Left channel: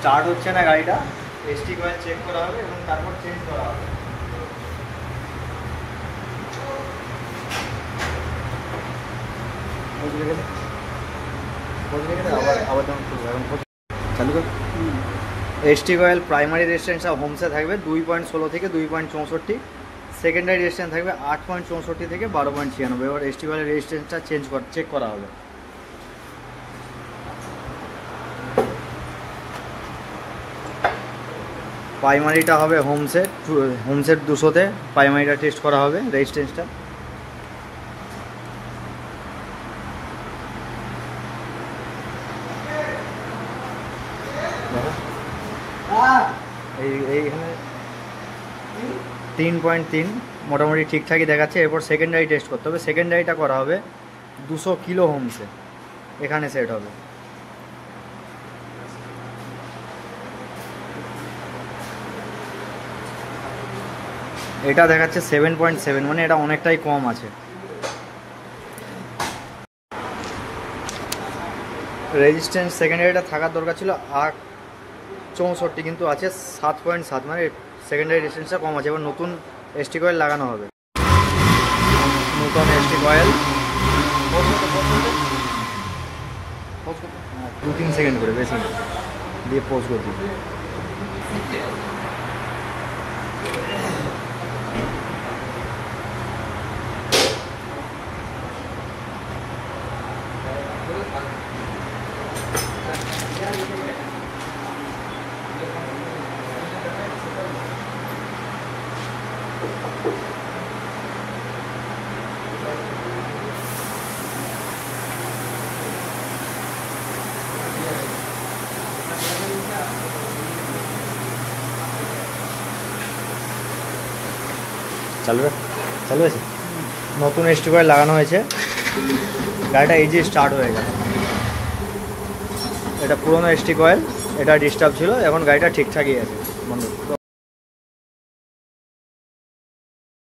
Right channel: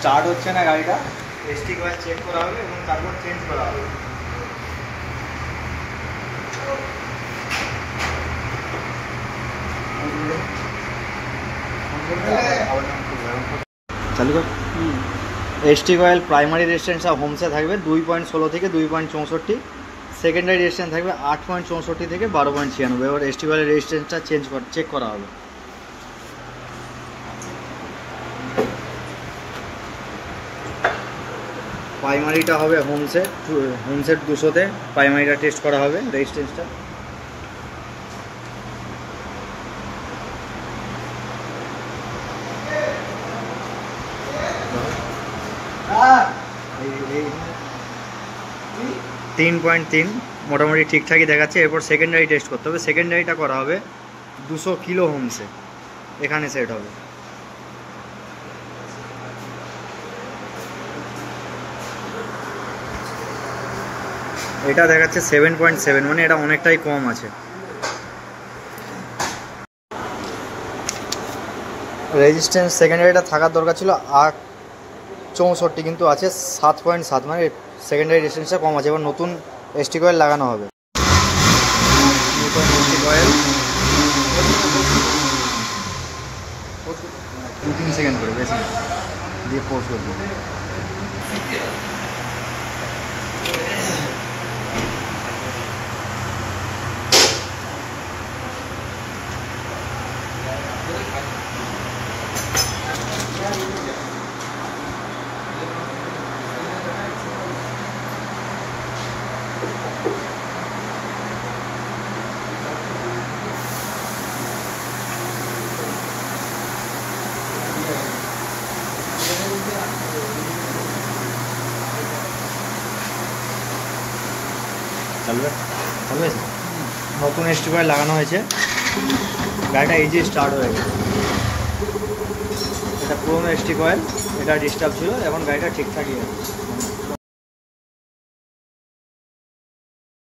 স্টার্ট হচ্ছে না গাড়িটা, এসটি কয়েল চেক করা হবে এবং তারপর চেঞ্জ করা হবে। চালু কর। এসটি কয়েল প্রাইমারি রেজিস্ট্যান্সটা হোমসে থাকবে 2.16 থেকে 2.64, সেকেন্ডারি রেজিস্ট্যান্স থাকবে 8.64 থেকে 12.96। এবার এসটি কয়েলের রেজিস্ট্যান্সটা চেক করা হবে। প্রাইমারিটা হবে হোমসেট 200-তে প্রাইমারিটা টেস্ট করা হবে রেজিস্ট্যান্সটা। এই 3.3 মোটামুটি ঠিকঠাকই দেখাচ্ছে। এরপর সেকেন্ডারি টেস্ট করতে হবে, সেকেন্ডারিটা করা হবে 200 কিলো হোমসে, এখানে সেট হবে। এটা দেখাচ্ছে 7.7, মানে এটা অনেকটাই কম আছে। রেজিস্ট্যান্স সেকেন্ডারিটা থাকার দরকার ছিল 8.64, কিন্তু আছে 7.7, মানে সেকেন্ডারি রেজিস্ট্যান্সটা কম আছে। এবার নতুন এসটি কয়েল লাগানো হবে। নতুন এসটি কয়েল 2-3 সেকেন্ড করে বেশি দিয়ে পোজ করবো। চালু হয়েছে। নতুন এসটি কয়েল লাগানো হয়েছে, গাড়িটা ইজি স্টার্ট হয়ে গেছে। এটা পুরোনো এসটি কয়েল, এটা ডিস্টার্ব ছিল, এখন গাড়িটা ঠিকঠাকই আছে।